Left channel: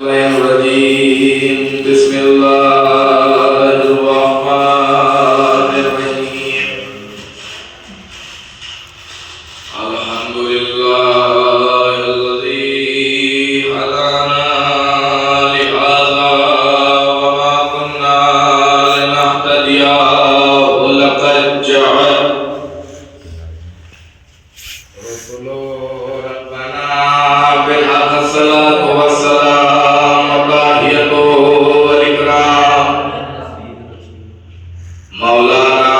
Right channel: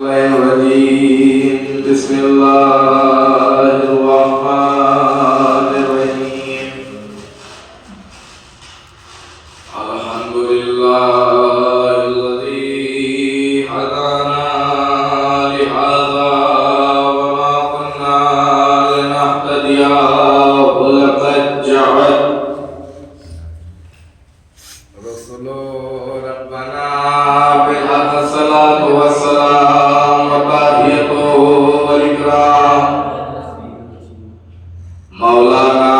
الرجيم بسم الله الرحمن الرحيم الحمد لله الذي هدانا لهذا وما كنا لنهتدي لقد جاءت رسل ربنا بالحق الصلاة والسلام وتحيته والإكرام مولانا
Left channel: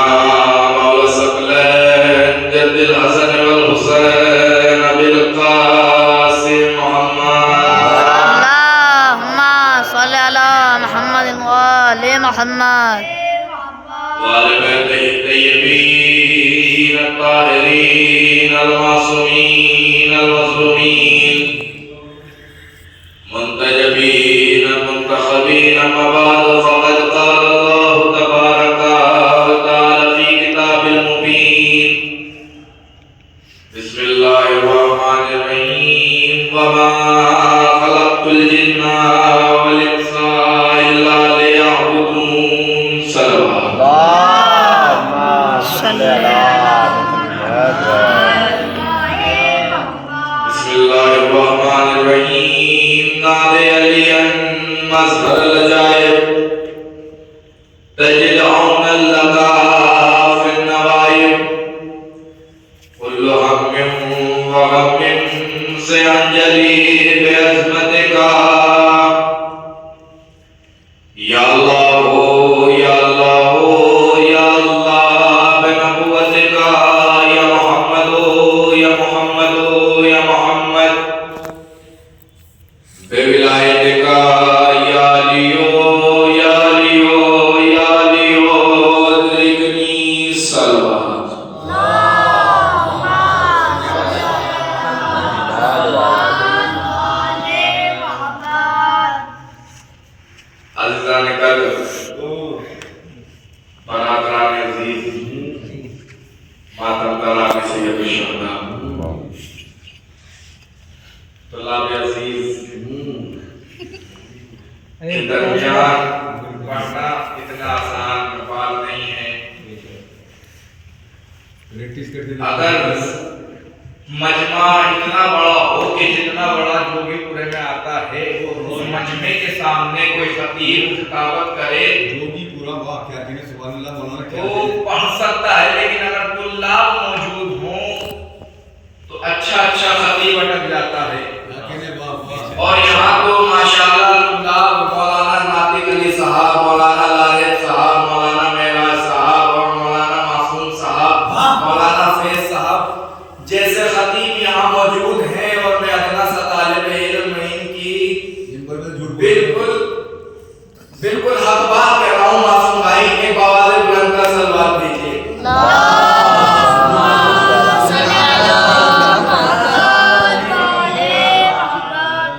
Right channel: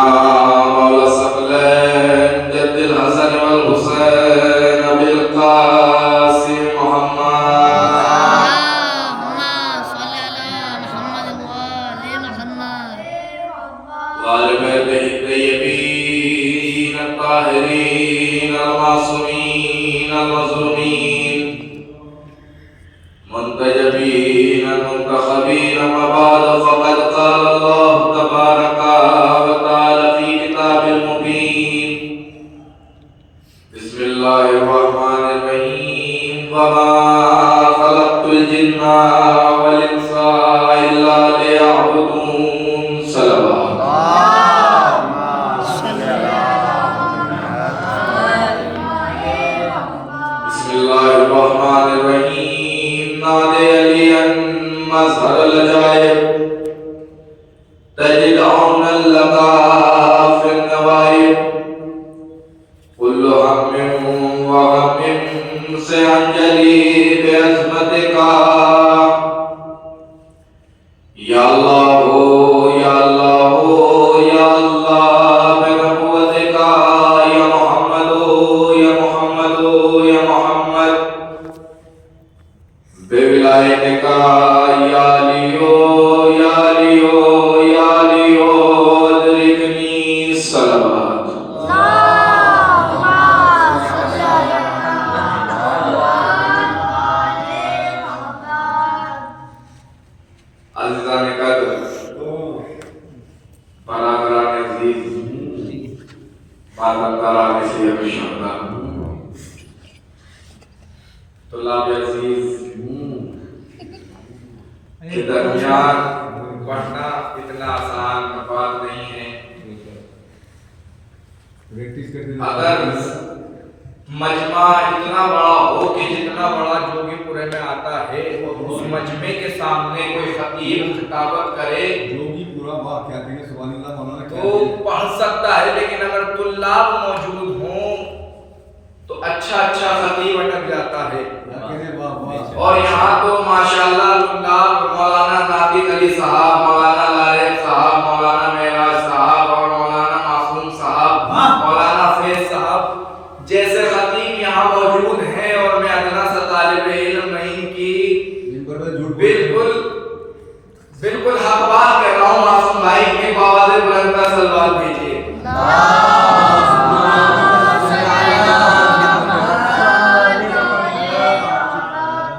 مولى الثقلين جد الحسن والحسين بالقاسم محمد اللهم صل على محمد وآل محمد وآل بيته الطيبين الطاهرين المعصومين المظلومين منتجبين منتخبين أما بعد فقد قال الله تبارك وتعالى في كتاب المبين بسم الله الرحمن الرحيم وما خلقت الجن والإنس إلا ليعبدون صلوات صل بسم الله الرحمن الرحيم نادي عليا مظهر العجائب تجد عونا لك في النوائب كل هم وهم سينجلي بعظمتك يا الله يا الله يا الله بنبوتك يا محمد يا محمد يا محمد بولایتک یا علیو یا علیو یا علیو ادرکنی صلوات عزیزان قدر برادران عزیز ماتم تراغ سید الشہداء طلاب عزیز کے درمیان پڑھنا اتنا آسان بات نہیں ہے. اگر مجمع اتنا بڑا ہو کہ جتنا بڑا جوگی پورے میں آتا ہے اس مجمع کے سامنے کوئی خطیب خطابت کرے تو پڑھ سکتا ہے، لیکن اگر طلاب موجود ہوں تو اچھا خطیب اٹک جاتا ہے. اور یہاں تو ماشاءاللہ طلاب مولانا ناطق علی صاحب، مولانا لارث صاحب، مولانا معراج صاحب اور مولانا معصوم صاحب، مولانا فیض صاحب جیسے خطیب یہاں موجود ہیں، اور میں ادنا سا طالب علم میں ان کی بالکل حق بات کر رہا ہوں. معصوم بھائی ایک آواز بلند کر سلوات بھیجیے.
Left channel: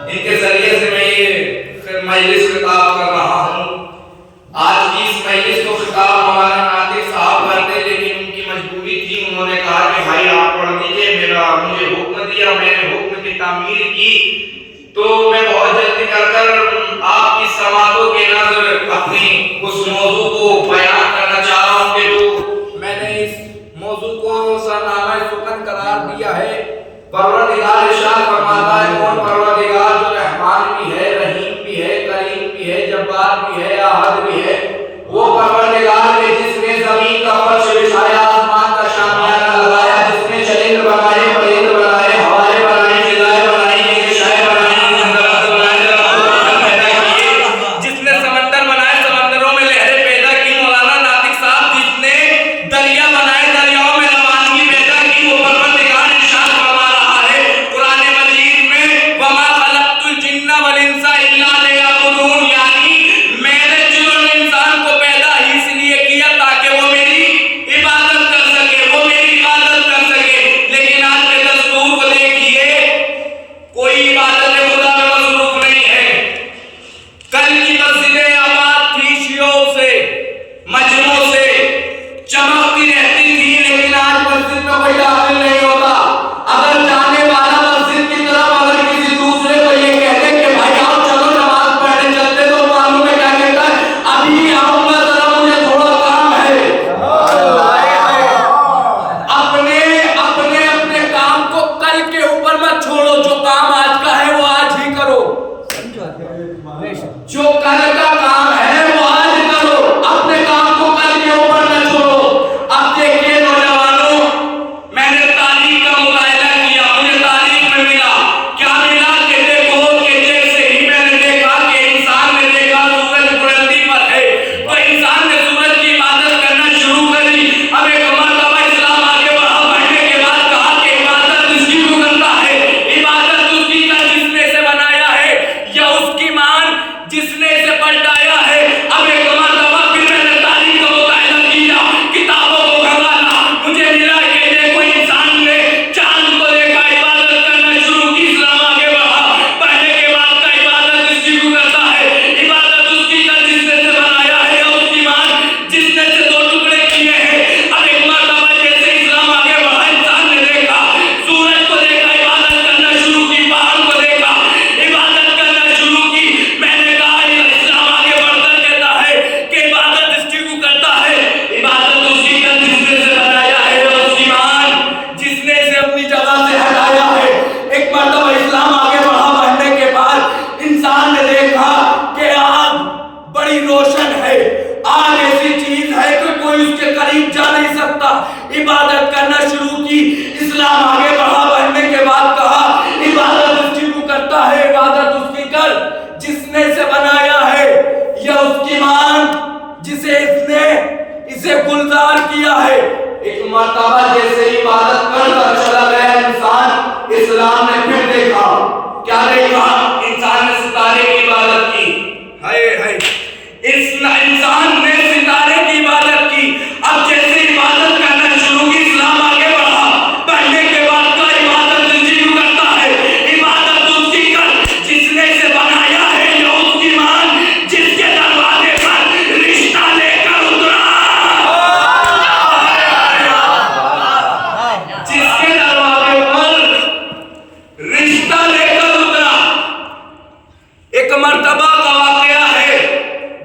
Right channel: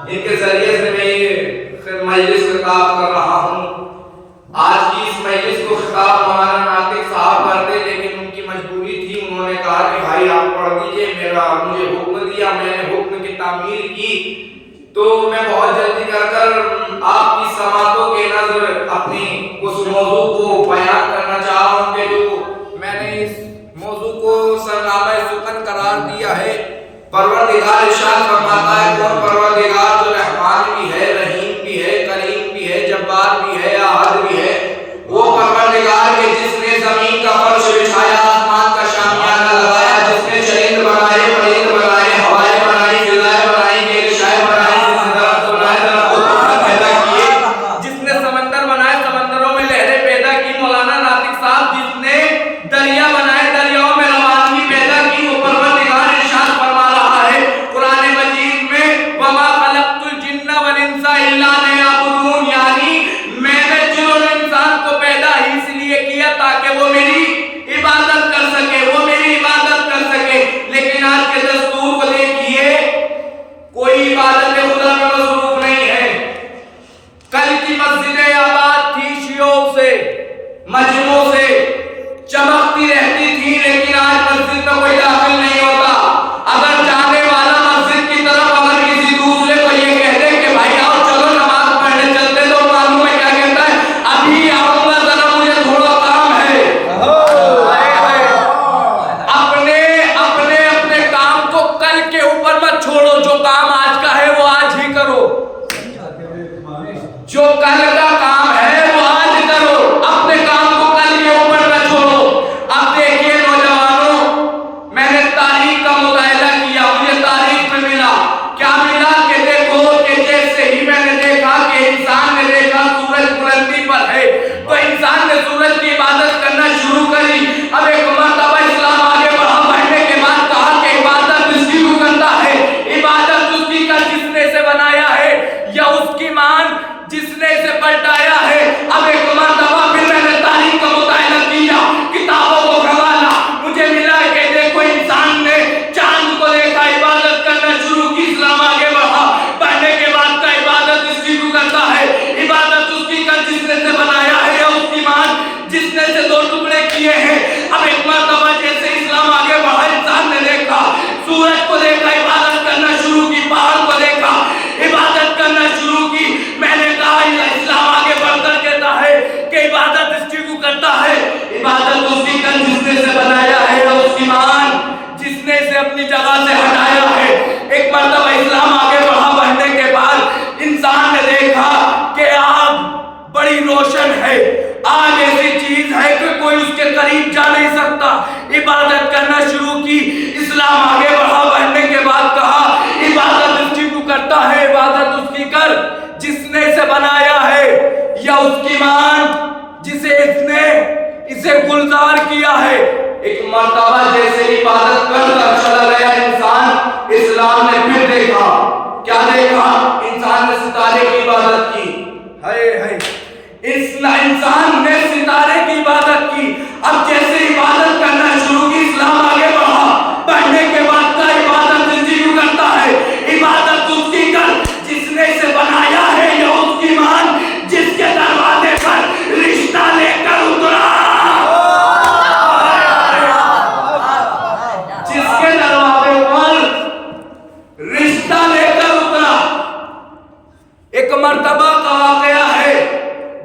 ان کے ذریعے سے میں یہ مجلس خطاب کر رہا ہوں. آج کی اس مجلس کو خطاب ہمارا ناطق صاحب کرتے، لیکن ان کی مجبوری تھی. انہوں نے کہا کہ بھائی آپ پڑھ دیجئے، مجھے حکم دیا، میں نے حکم کی تعمیر کی، تو میں بہت جلدی کر آپ کی سماعتوں کے نظر اپنی اس موضوع کو بیان کرنا چاہ رہا ہوں کہ جو میں نے اس موضوع کو سرنامہ سخن قرار دیا ہے. پروردگار ارشاد فرماتا ہے کون پروردگار جو رحمان بھی ہے، رحیم بھی ہے، کریم بھی ہے، جبار بھی ہے، احد بھی ہے، وہ پروردگار کے جس نے زمین کا فرش بچھایا، آسمان کا شامیانہ لگایا، جس نے چرند بنائے، پرند بنائے، ہوائیں بنائی، فضائیں بنائی، گشائیں بنائی، درخت بنائے، پیدا کیے، جس نے سمندر بنائے، سمندروں میں لہریں پیدا کی. مولانا ناطق صاحب جس نے دریا بنائے، دریاؤں میں روانگی پیدا کی، وہ پروردگار ارشاد فرما رہا ہے قرآن مجید میں وَمَا خَلَقْتُ الْجِنَّ وَالْإِنسَ إِلَّا لِيَعْبُدُونِ، یعنی میں نے جن اور انسان کو پیدا ہی اس لیے کیا تاکہ وہ میری عبادت کر سکے، وہ میری عبادت کر سکے. لیکن آج کے دستور کو دیکھیے، کوئی عبادت خدا میں مصروف نہیں ہے. کل کی مسجدیں آباد تھی شیعوں سے، مجموعوں سے چمکتی رہتی تھی، لیکن آج مسجد میں کوئی داخل نہیں ہوتا. اگر جانے والا مسجد کی طرف اگر کسی دوسرے کو یہ کہہ دے کہ بھائی آؤ چلو نماز جس نے اسے پلٹایا ہے. اب ایک مرتبہ پھر میں نے تاریخ کا مطالعہ کیا, کتابوں کو کھنگالا, مجھے ملا کہ دیکھو انسان نے چاند کو دیکھا, عبادت کرنا شروع کی, اسلام آگے بڑھا. پڑھنے کے بعد کا عبادت اس کی کو کرتا ہے, عبادت اس کی کر جس نے سے بنایا ہے, یا اس کی مان جس نے سے دو ٹکڑے کیے ہیں. اب ایک مرتبہ جیسے اسلام آگے بڑھا, انسان نے دیکھا, سورج کو دیکھا, عبادت کرنا شروع کی, پہاڑ کو دیکھا, عبادت کرنا شروع کی. میں نے کہا اسلام آگے بڑھ کر کہتا ہے کہ عبادت اس کی کو کرتا ہے, عبادت اس کی کر جس نے سے بنایا ہے, یا اس کی مان جس نے اسے اپنی جگہ سے ہٹایا ہے. ایک مرتبہ اسلام آگے بڑھا, بڑھنے کے بعد انسان نے دیکھا کہ آگ بڑی روشن ہے, آج ایسی چیز ہے کہ کوئی اس کے قریب جا نہیں سکتا. عبادت کرنا شروع کی, اسلام آگے بڑھا, بڑھنے کے بعد کہا عبادت اس کی کو کرتا ہے, عبادت اس کی کر جس نے اسے بنایا ہے, یا اس کی مان جسے اس نے اسے گلزار کیا ہے. ایک مرتبہ جیسے عبادت کر کر چلا گیا انسان, اسلام نے پھر دیکھا, کیا دیکھا؟ انسان نے ستارے کی عبادت کی. ہائے ہائے, انسان نے ستارے کی عبادت کی. اب جیسے عبادت کرنا شروع کی, اسلام آگے بڑھا, بڑھنے کے بعد کا عبادت اس کی کرتا ہے, عبادت اس کی کر جس نے اسے بنایا ہے, یا اس کی مان جس کے دروازے پر رشتہ لے کر اترا, جس کے دروازے پر رشتہ لے کر اترا. ایک مرتبہ کا واقعہ ہے,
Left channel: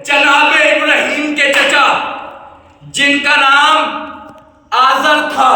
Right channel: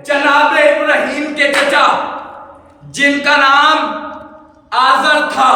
جناب ابراہیم کے چچا جن کا نام آزر تھا,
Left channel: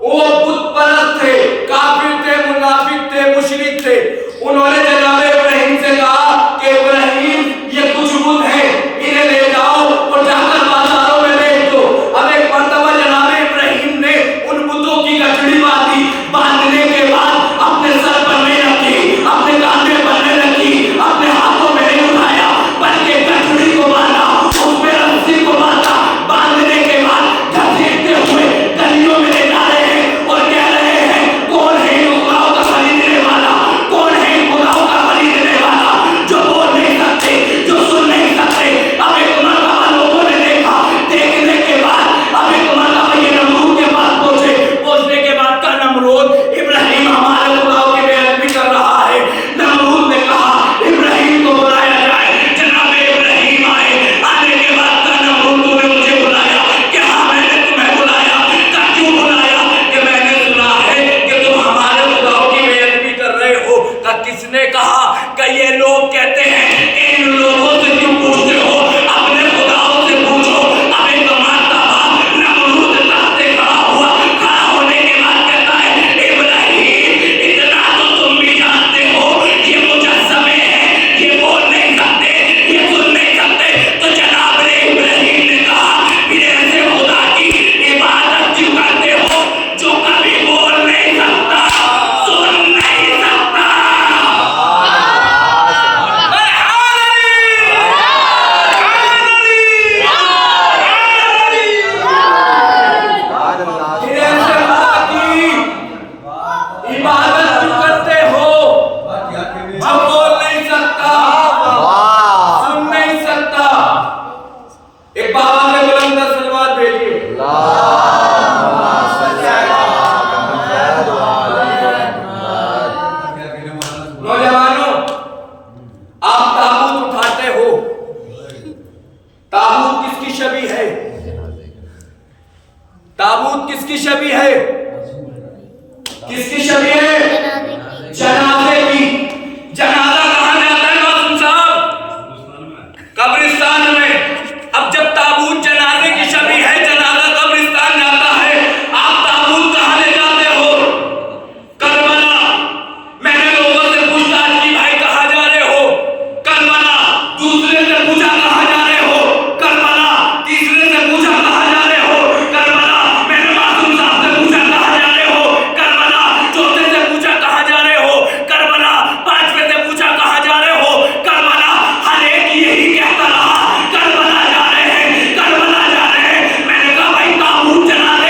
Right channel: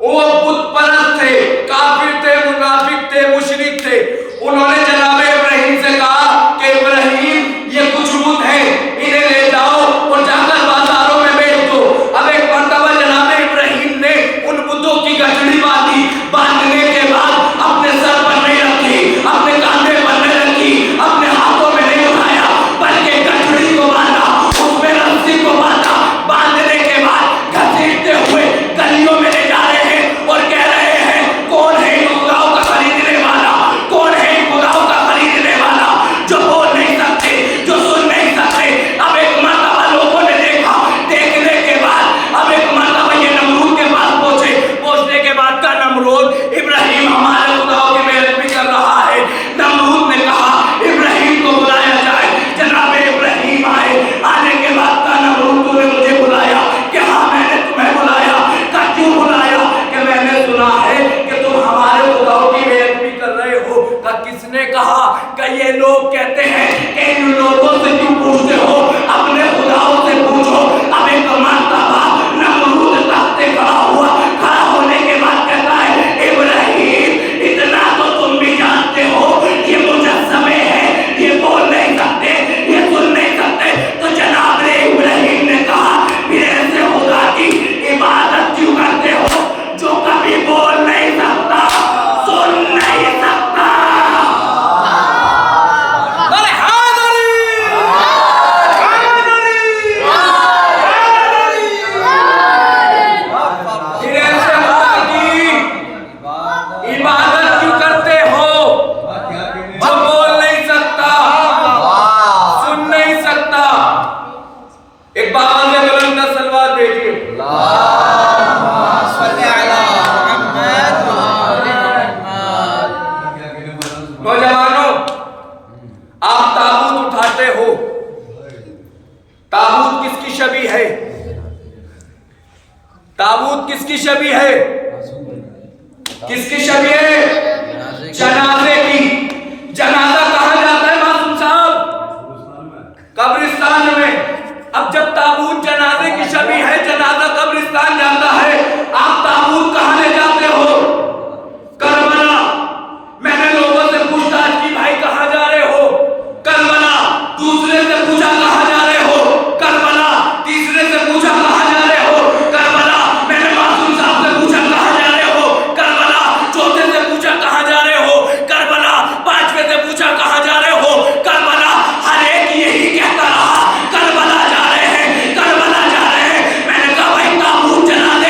وہ بت پرست تھے, کافر تھے, منافق تھے, مشرک تھے. انہوں نے جناب ابراہیم سے کہا کہ ابراہیم یہ کچھ بت ہیں, انہیں لے جاؤ اور جا کر بازاروں میں بیچ دو. اب ایک مرتبہ جناب ابراہیم نے ان بتوں کی گٹھڑی باندھی, باندھنے کے بعد اپنے سر پر نہیں رکھی, اپنے کاندھے پر نہیں رکھی, اپنے ہاتھوں میں نہیں اٹھایا, بلکہ گٹھڑی کو باندھا, اس میں رسی کو باندھا. باندھنے کے بعد گھسیٹتے ہوئے گلیوں میں لے جا رہے ہیں اور کہہ رہے ہیں کون ہے ان خداؤں کا خریدنے والا, کون ہے ان خداؤں کا خریدنے والا, جو بول نہیں سکتے, جو سن نہیں سکتے. اب ایک مرتبہ لوگوں نے دیکھا, دیکھنے کے بعد اب ایک مرتبہ یہ نمرود کے پاس پہنچے. پہنچنے کے بعد کا نمرود ابراہیم ہمارے خداؤں کی بے ادبی کر رہا ہے. نمرود نے کہا ابراہیم کو بلایا جائے. جناب ابراہیم آئے, آنے کے بعد کا نمرود تو نے مجھے بلایا, کہ ہاں میں نے تمہیں بلایا. کہ کیوں بلایا؟ کہ میں نے سنا ہے کہ تم ہمارے خداؤں کی بے ادبی کر رہے ہو. کہ کس نے کہا؟ کہ یہ لوگ کہتے ہیں کہ ان لوگوں سے کیوں پوچھتے ہو, اپنے خداؤں سے پوچھو. اب ایک مرتبہ نمرود تخت سے کھڑا ہوا, کھڑا ہونے کے بعد کہتا ہے ابراہیم اتنا تو تم بھی جانتے ہو یہ مجسمے ہیں, یہ بول نہیں سکتے, یہ سن نہیں سکتے. تو جناب ابراہیم نے کہا پھر ایسے خدا کی عبادت کیوں کرتے ہو جو کبھی بول نہیں سکتا, سن نہیں سکتا. پھر ایسے خدا کی عبادت کیوں کرتے ہو جو بول نہیں سکتا, سن نہیں سکتا. ایک باواں کے بلند صلوات بھیجیے. نوجوانوں, آپ تابوت اٹھاتے ہو, تابوت کس کی شبیہ ہے؟ تابوت کس کی شبیہ ہے؟ کس کی شبیہ ہے؟ جنازے کی. جنازہ کہاں جاتا ہے معصوم صاحب؟ قبرستان میں. اب جب تابوت جنازے کی شبیہ ہے, جنازہ قبرستان جاتا ہے, آپ تابوت کہاں لے جاتے ہو؟ کربلا. میں نے لوگوں سے پوچھتاچھ کی, بھائی کہاں جا رہے ہو؟ کربلا. دوسرے سے پوچھا کہاں جا رہے ہو؟ کربلا. تیسرے سے پوچھا کہاں جا رہے ہو؟ کربلا. میں نے معصوم صاحب سے پوچھا کہاں جا رہے ہو؟ کربلا. چوتھے سے پوچھا کہاں جا رہے ہو؟ کربلا. پانچویں سے پوچھا کہاں جا رہے ہو؟ کربلا. ہر ایک یہی کہتا رہا کربلا جا رہے ہیں, کربلا جا رہے ہیں. میں نے کہا بھائی تابوت جنازے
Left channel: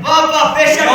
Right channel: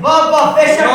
9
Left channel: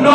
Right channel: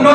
9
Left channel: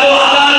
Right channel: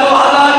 2000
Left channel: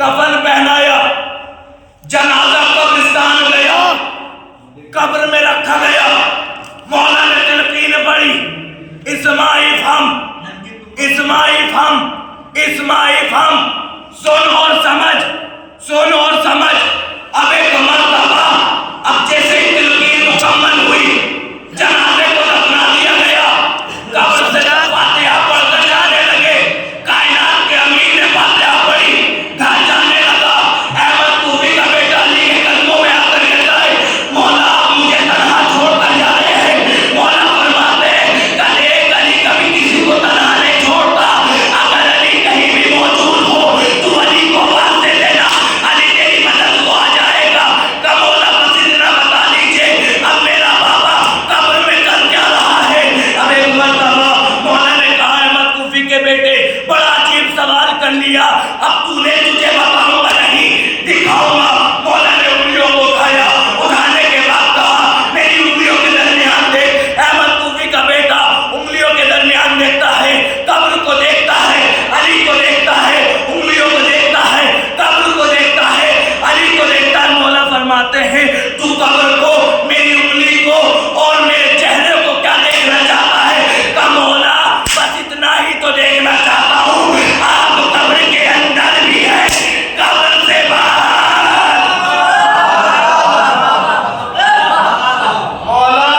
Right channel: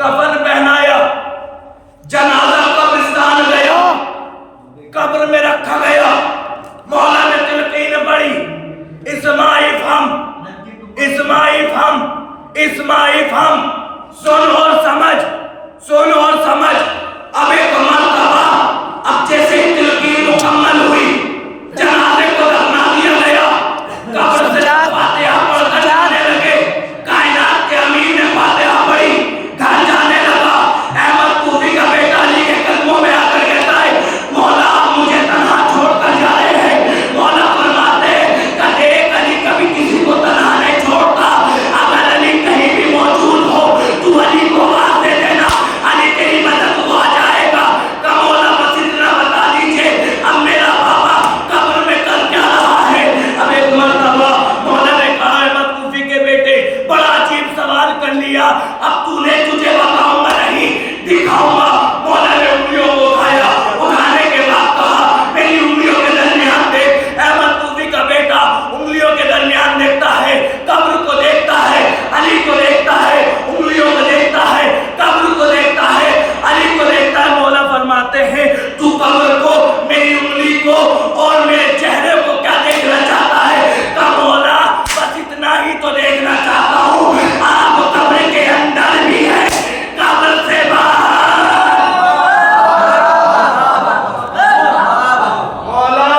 کفن پہنایا، جنازہ قبرستان گیا، قبر میں رکھا گیا، مولا نے تلقین پڑھی، اسماعیل ہم، اسماعیل ہم، اسماعیل ہم، سن اور سمجھ، سن اور سمجھ۔ اب ایک مرتبہ اب جیسے تلقین مکمل ہوئی، جنازے کو دفنا دیا گیا، قبر سے فاتحہ پڑھ کر جانے لگے، کائنات کے امیر نے فاتحہ پڑھی، گھر جانے لگا، احمد کوفی کا بیٹا علی کے قدموں میں آ کر کہتا ہے مولا آپ مجھے تنہا چھوڑ کر جا رہے ہیں۔ مولا فرماتے ہیں کہ ایک علی کبھی کسی کو تنہا نہیں چھوڑتا، اگر علی کہیں بھی موجود ہو تو علی کو آواز دے دینا، علی تیری مدد کو آ جائے گا۔ کہ مولا بس اتنا بتا دیجئے اب میرا بابا قبر میں کر کیا رہا ہے۔ اب ایک مرتبہ مولا نے کہا احمد کوفی کے بیٹے بڑا عجیب سوال کر لیا، اب تو نے تجھے بتاؤں گا نہیں دکھاؤں گا۔ مولا نے انگلیوں کو اٹھایا، اٹھانے کے بعد کہا میری انگلیوں کے درمیان دیکھ۔ احمد کوفی کا بیٹا انگلیوں کے درمیان دیکھتا ہے، قبر کو دیکھتا ہے، علی کو دیکھتا ہے، انگلیوں کو دیکھتا ہے، قبر کو دیکھتا ہے، علی کو دیکھتا ہے۔ مولا فرماتے ہیں تو قبر کو، میری انگلی کو اور میرے چہرے کو کیا دیکھنا چاہتا ہے؟ کہ مولا بس اتنا ہی تو دیکھنا چاہتا ہوں، آپ قبر کے اندر بھی ہے، قبر سے باہر۔ مولا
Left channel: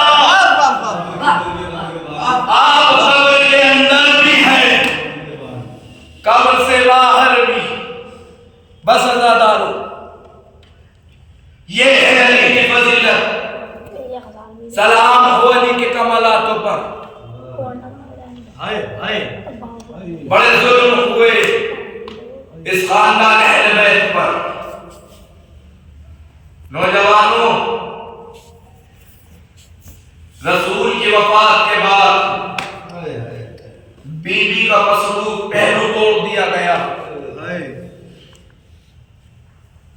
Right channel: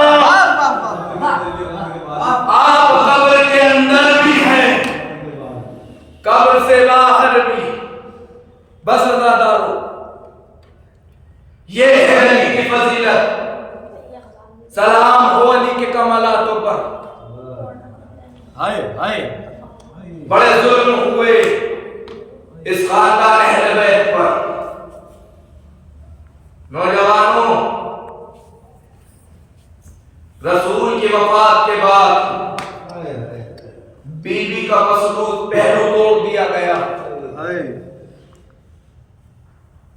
آپ قبر کے اندر بھی ہیں، قبر سے باہر بھی۔ بس عزادارو، یہ ہے علی کی فضیلت۔ سلام ہو علی کے کمالاتوں پر۔ بڑے ظلم ہوئے اس خاندان اہل بیت پر۔ نوجوانوں، رسول کی وفات کے بعد بیوی کا مسلوب پہلو توڑ دیا گیا۔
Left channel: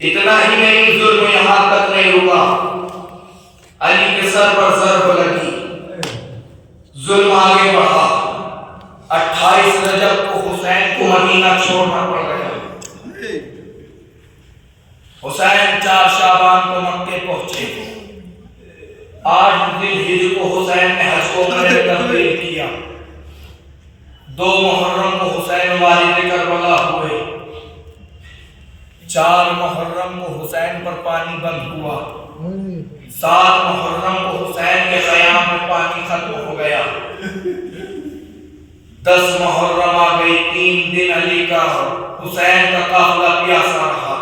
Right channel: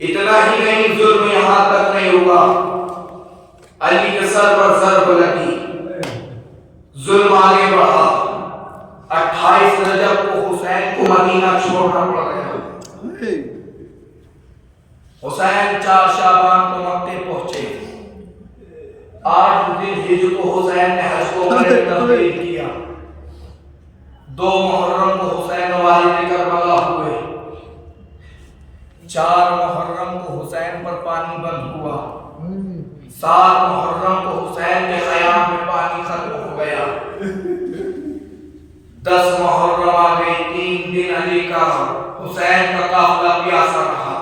اتنا ہی نہیں، ظلم یہاں تک نہیں ہوا، علی کے سر پر ضرب لگی، ظلم آگے بڑھا۔ 28 رجب کو حسین کو مدینہ چھوڑنا پڑ گیا۔ حسین 4 شعبان کو مکے پہنچے۔ 8 ذی الحجہ کو حسین نے حج کو عمرے میں تبدیل کیا۔ 2 محرم کو حسین والد کربلا ہوئے۔ 4 محرم کو حسین پر پانی بند ہوا۔ 7 محرم کو حسین کے خیام میں پانی ختم ہو گیا۔ 10 محرم آ گئی، 3 دن علی کا حسین کا قافلہ پیاسا رہا۔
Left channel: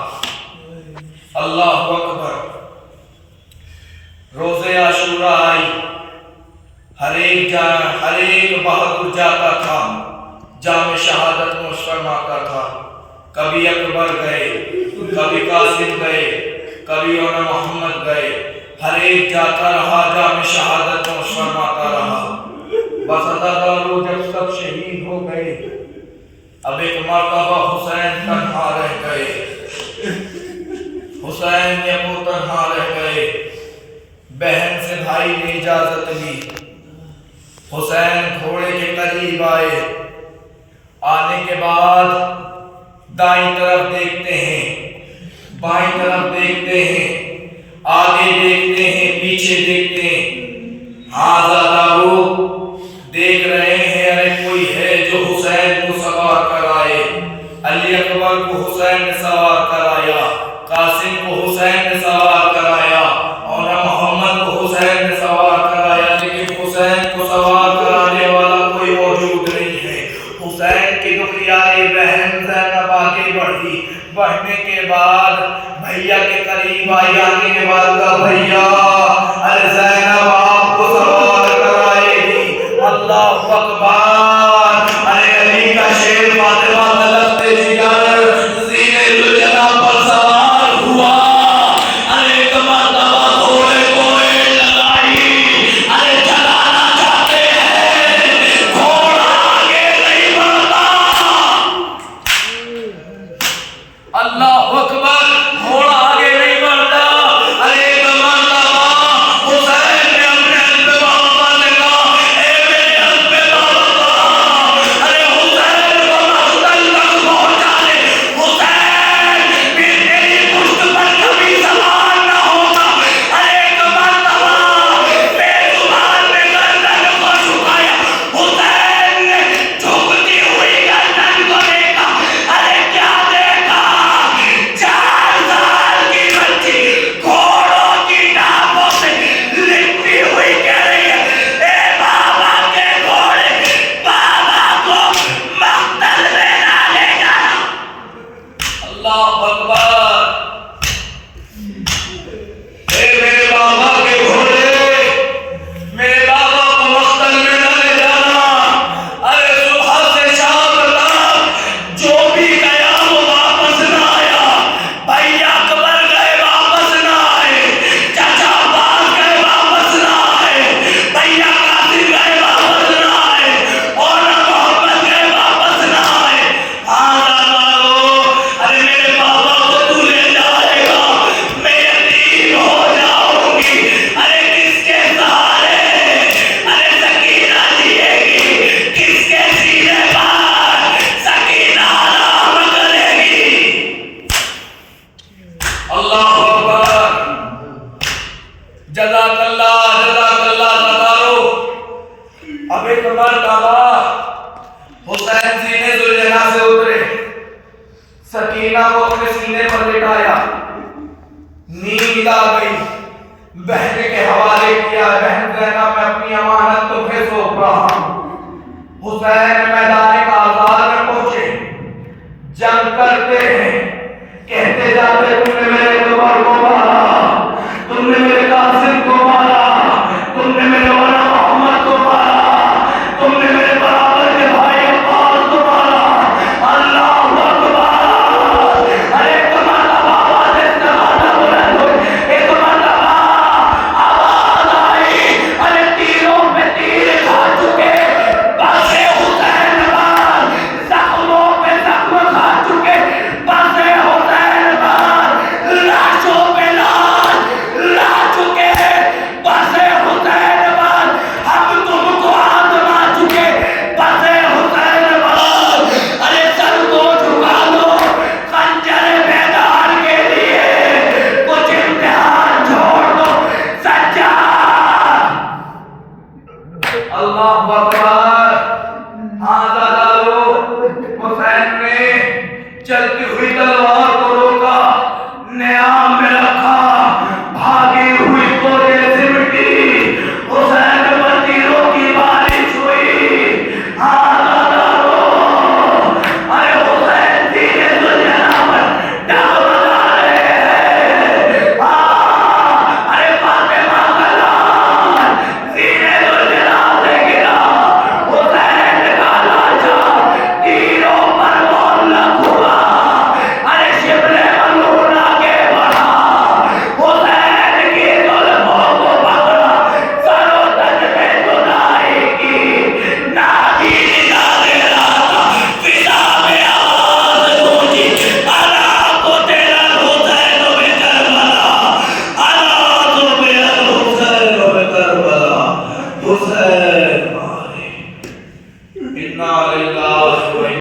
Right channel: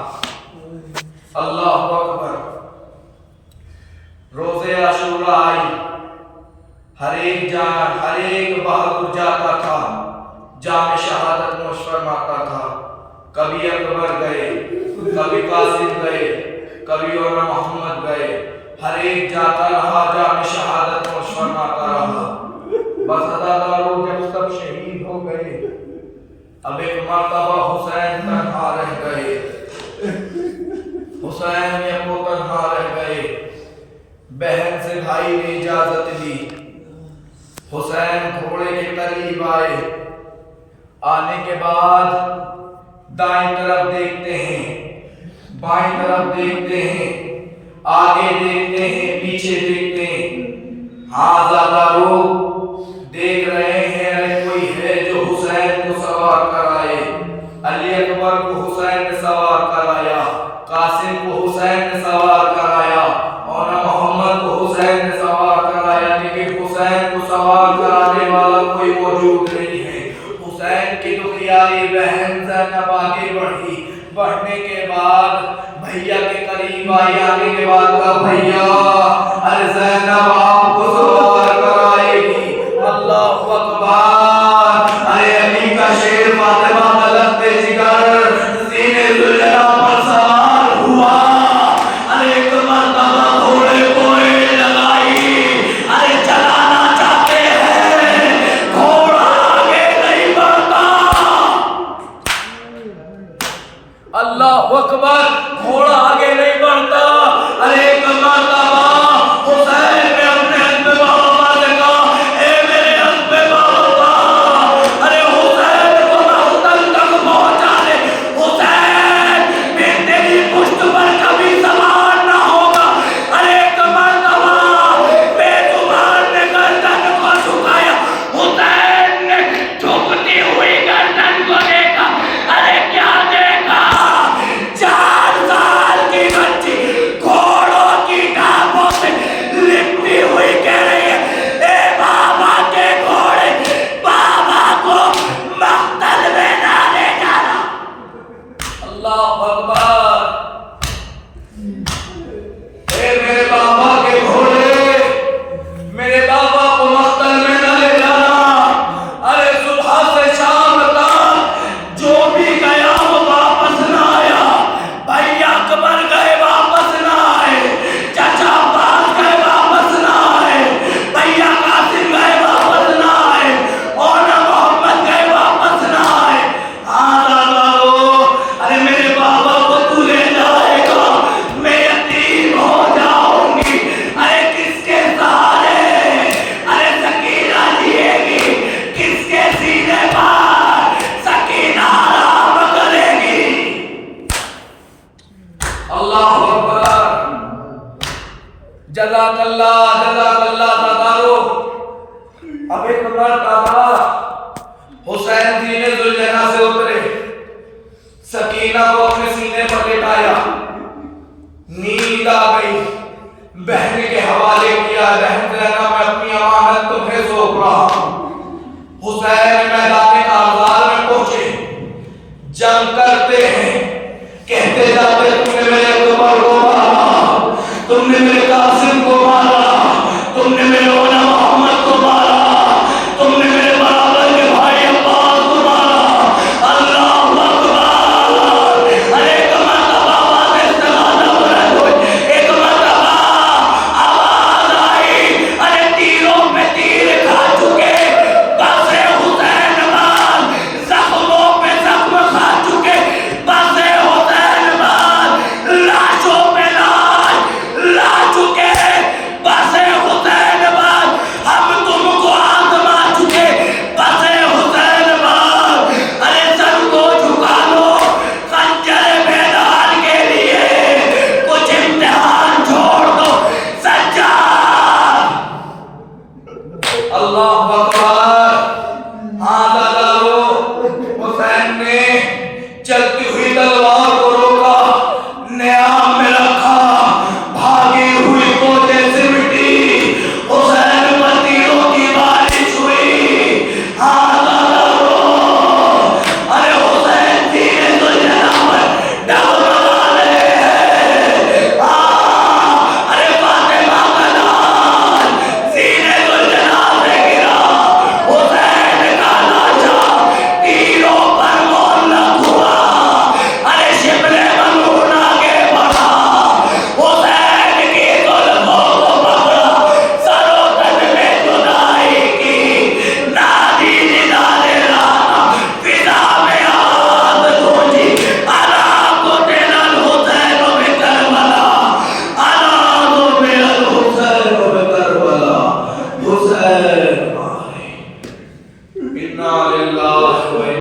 اللہ اکبر۔ روز عاشوراء آئی، ہر ایک بہادر جاتا تھا، جام شہادت نوش فرماتا تھا۔ کبھی اکبر گئے، کبھی قاسم گئے، کبھی اونا محمد گئے، ہر ایک جاتا رہا، جام شہادت نوش فرماتا رہا۔ بس عزادارو، جب سب شہید ہو گئے، اب ایک مرتبہ حسین تنہا رہ گئے، حسین یکو تنہا رہ گئے۔ بہن سے بھائی نے اجازت لی، حسین گھوڑے کے قریب آئے۔ آنے کے بعد دائیں طرف دیکھتے ہیں، بائیں طرف دیکھتے ہیں، آگے دیکھتے ہیں، پیچھے دیکھتے ہیں۔ ہاں عزادارو، دیکھ رہے ہیں ارے کوئی ہے جو حسین کو سوار کرائے۔ علی اکبر کو حسین نے سوار کرایا، قاسم کو حسین نے سوار کرایا، اور محمد کو حسین نے سوار کرایا، لیکن حسین کو سوار کرانے والا کوئی موجود نہیں ہے۔ حسین کی دکھیاری بہن زینب آگے بڑھی، بڑھنے کے بعد بھیا کے قریب آئی، آنے کے بعد کہا بھیا ارے زینب آپ کو سوار کرائے گی۔ اللہ اکبر۔ ارے علی کا شیر فاطمہ ملکتے جگر زینے الجلا پر سوار ہوا۔ ارے ایک مرتبہ گھوڑے کو ایڑ لگائی، ارے چلانا چاہتے ہیں، گھوڑا آگے نہیں بڑھتا۔ اللہ اکبر، گھوڑا آگے نہیں بڑھتا۔ ارے ایک مرتبہ حسین نے اپنے حسب بابا سے کہا اے میرے حسب بابا، ارے حسین کو مقتل تک پہنچا دے۔ حسین اللہ اکبر. اے میرے بابا کے گھوڑے، میرے بابا کو مقتل میں نہ لے جانا. ارے صبح سے شام تک جو بھی گیا وہ واپس نہ آیا. بھائی اکبر گئے واپس نہ آئے، چچا عباس گئے واپس نہ آئے، بھیا قاسم گئے واپس نہ آئے، اور محمد گئے واپس نہ آئے. ہاں دادارو، ارے میرے بابا کو تو لے جائے گا، میں یتیم ہو جاؤں گی. ارے کس کے سہارے ارے سکینہ جیے گی، کس کے سینے پر سکینہ آرام کرے گی. اللہ اکبر. جزاک اللہ دادارو. اب ایک مرتبہ حسین سینے ذوالجناح سے اترے، سکینہ کو اپنے سینے پر لٹایا، نیند آ گئی، بہن کے حوالے کیا. بہن زینب میں اپنی امانت تمہیں سونپ رہا ہوں. حسین میدان کارزار میں پہنچے، جنگ کرتے ہیں، کہتے جاتے تم نے میرے عمر کو مارا، تم نے میرے قاسم کو مارا، تم نے میرے مولا محمد کو مارا، تم نے میرے برابر کے بھائی عباس کو مارا. اللہ اکبر. ارے ایک مرتبہ آواز استغاثہ بلند ہوئی، ایک مرتبہ آواز آئی، ارے تیروں پہ تیر کھا چکے بس حسین باد، زخموں پہ زخم کھا چکے بس حسین باد، لاشوں پہ لاش لا چکے بس حسین باد، ہم تم کو آزما چکے بس حسین باد. ارے سر کو جھکا لو خنجر بیدار کے لیے، کچھ امتحان چھوڑ دو سجاد. اللہ اکبر. ہاں دادارو، حسین نے چلتی ہوئی تلوار کو